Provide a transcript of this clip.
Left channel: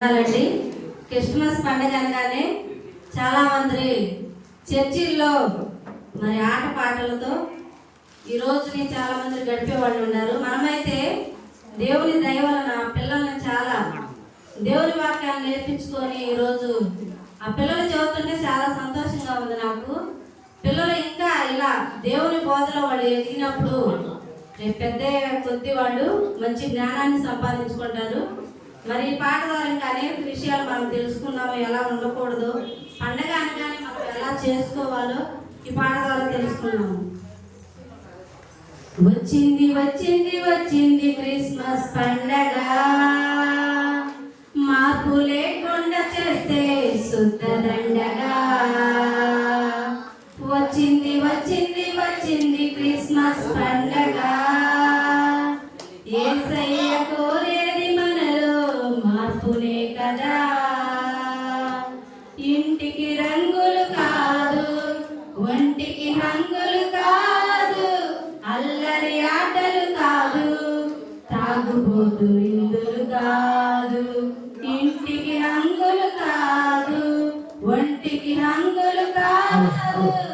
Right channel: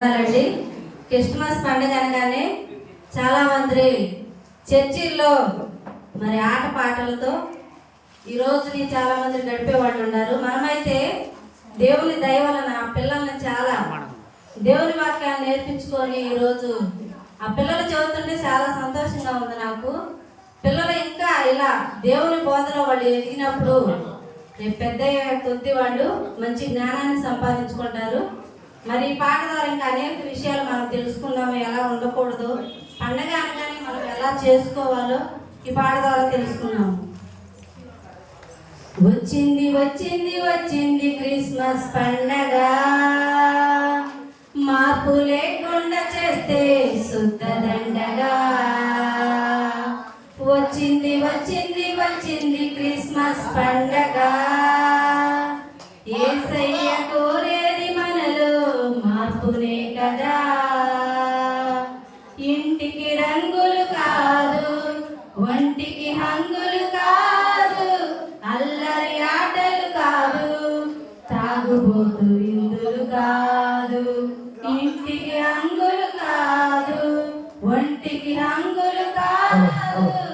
అండి. క్రిస్మస్ పండుగ అనగానే చాలామంది చర్చిల్లో మరి ఆట పాటలతో ఈ రోజుని చాలామంది గడిపేవాళ్ళు ఉన్నారు. మనమైతే దేవుని దయ వలన పిల్లల్ని చాలా దేవుని వాక్యాన్ని నేర్పించుకొని ఈరోజు ఆ పిల్లలు చదువుతుంటే చాలా సంతోషంగా ఉంది నాకు. పిల్లలు ఇంకా ఇలా దేవుని బోధలో వాళ్ళు ఎదిగినప్పుడు పెద్ద కొద్ది వాళ్ళు మంచి జ్ఞానాన్ని సంపాదించుకుంటారు. మరి ఈ పాట ద్వారా ఇంకా అనేక విషయాలు మనం తెలుసుకుందాము, ఎలా ఉండకూడదు, పండగ అనగానే మనం ఎలా చేసుకోవాలో ఈ పాట ద్వారా తెలుసుకున్నాము. వచ్చింది వచ్చింది వచ్చింది క్రిస్మస్ పండగ, మార్పు లేకుండా చేస్తే శుద్ధ దండగా. వచ్చింది వచ్చింది వచ్చింది క్రిస్మస్ పండగ, యేసయ్య కోరేది మనలో మార్పునే కదా. ఇంటికి రంగులు కాదు, ఒంటికి హంగులు కాదు, అల్లరి ఆటలు కాదు, తాగుబోతు ఇందులు కాదు. ఇంటికి రంగులు కాదు, ఒంటికి హంగులు కాదు,